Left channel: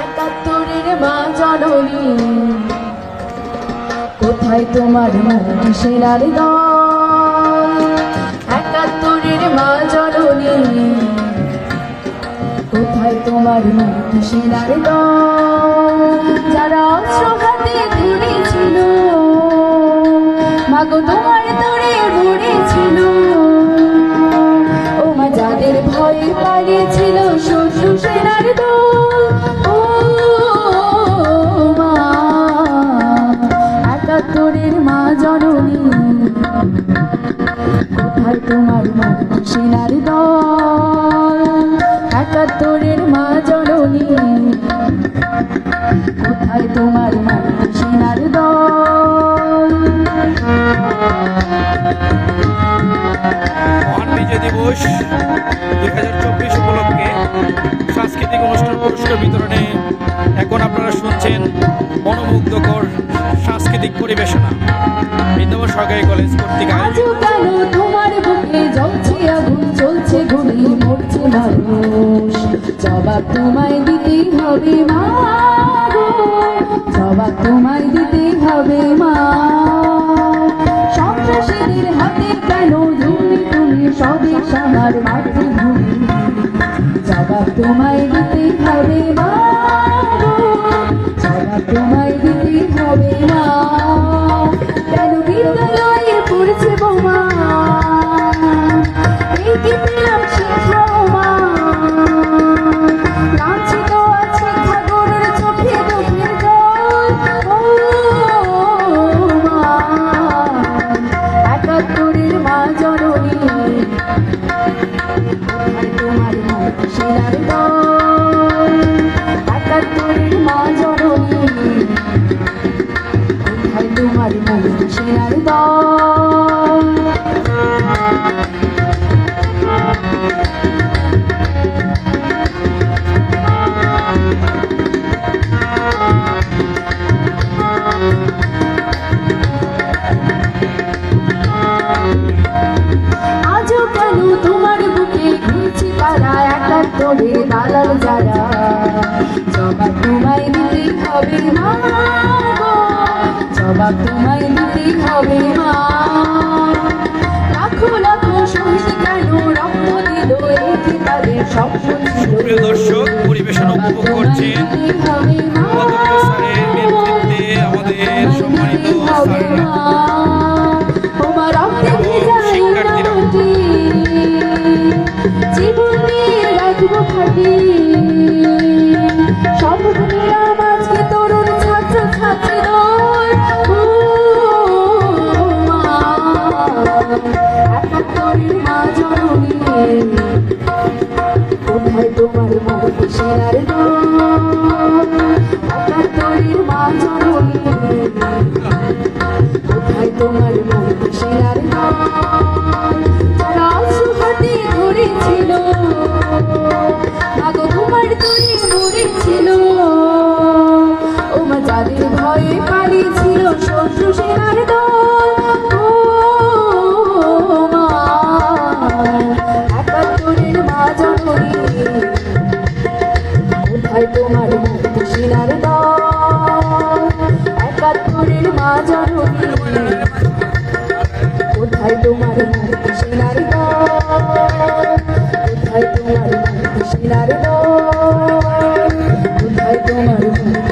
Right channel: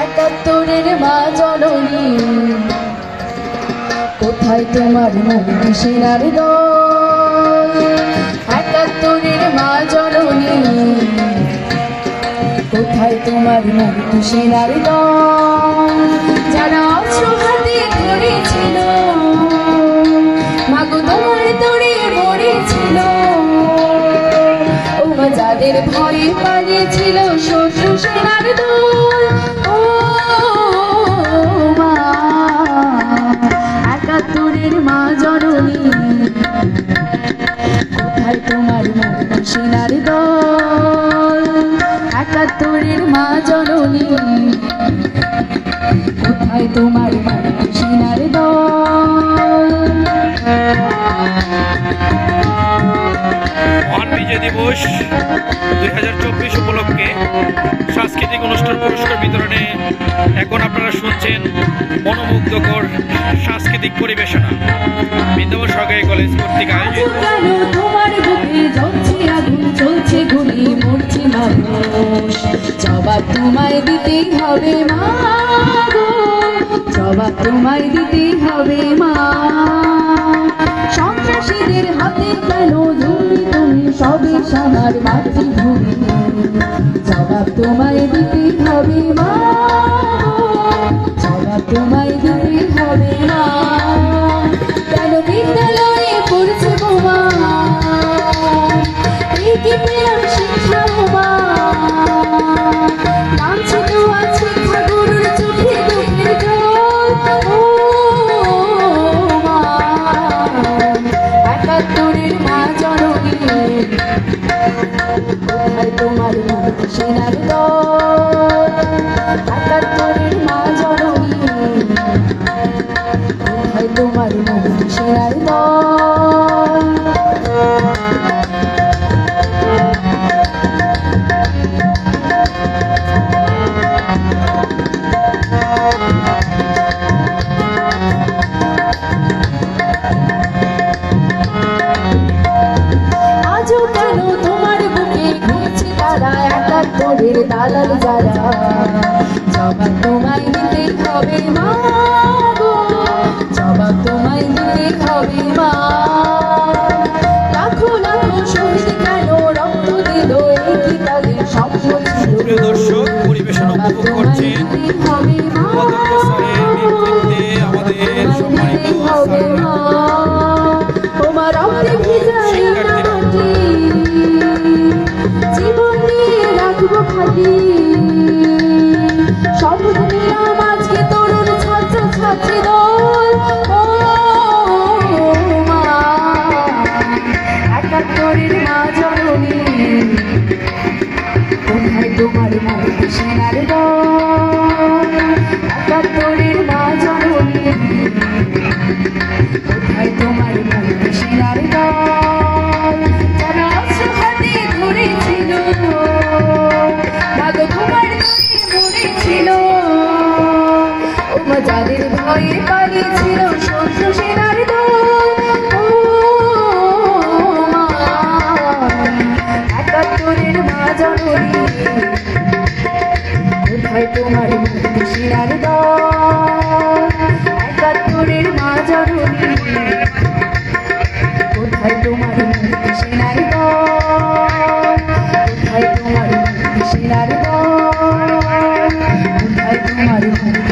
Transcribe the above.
একাত্তরের মা জননী, কোথায় তোমার মুখ সেনার দল? একাত্তরের মা জননী, কোথায় তোমার মুখ সেনার দল? যারা অস্ত্র হাতে ধরেছিল, মাগো তোমার তোরে ভরেছিল, ও মা যাদের ভয়ে পালিয়েছিল শত্রু সেনার দল। ও মা একাত্তরের মা জননী, কোথায় তোমার মুখ সেনার দল? একাত্তরের মা জননী, কোথায় তোমার মুখ সেনার দল? মহান বিজয় দিবস 2024 উপলক্ষে সাংস্কৃতিক অনুষ্ঠান পুরস্কার বিতরণে এখন আপনারা শুনছেন মনোমুগ্ধকর সাংস্কৃতিক পরিবেশনা বৃন্দাবন সরকারি কলেজ কর্তৃক আয়োজিত। কেন তোমার বুকে জ্বলছে আগুন, চলছে গুলি, মরছে মানুষ? জবাব তোমায় দিতেই হবে মা গো, জবাব তোমায় দিতেই হবে মা। সন্ত্রাসীদের হাতে কেন তুমি সবই সোনার মাতৃভূমি? জবাব তোমায় দিতেই হবে মা গো, জবাব তোমায় দিতেই হবে মা। কেন বিদ্যালয়ে পড়ছে বোমা? এই কি পেলাম শিক্ষা বোমা? লাঞ্ছিত আছে খাগরের চোখে দুঃখের জল। ও মা একাত্তরের মা জননী, কোথায় তোমার মুখ সেনার দল? একাত্তরের মা জননী, কোথায় তোমার মুখ সেনার দল? আজও কেন তোমার বুকে ঘুরছে তারা, একাত্তরের দালাল যারা? জবাব তোমায় দিতে হবে মা গো, জবাব তোমায় দিতে হবে মা। লাখো লাখো শহীদ কেন রক্ত দিল, এই কি তাদের স্বপ্ন ছিল? প্রিয় দর্শক, পরিবেশনা উপভোগ করছেন অধ্যক্ষ স্যারের নেতৃত্বে আমাদের সম্মানিত স্যারেরা এবং শিক্ষার্থীরা। জীবনে রাখবো খাটি, শপথ নিলাম আজকে তরুণ ছাত্র ছাত্রী দল। ও মা একাত্তরের মা জননী, কোথায় তোমার মুখ সেনার দল? একাত্তরের মা জননী, কোথায় তোমার মুখ সেনার দল? যারা অস্ত্র হাতে ধরেছিল, মাগো তোমার তরি মরেছিল, ও মা যাদের ভয়ে পালিয়েছিল শত্রু সেনার দল। ও মা একাত্তরের মা জননী, কোথায় তোমার মুখ সেনার দল? একাত্তরের মা জননী, কোথায় তোমার মুখ সেনার দল? কোথায় তোমার মুখ সেনার দল? কোথায় তোমার মুখ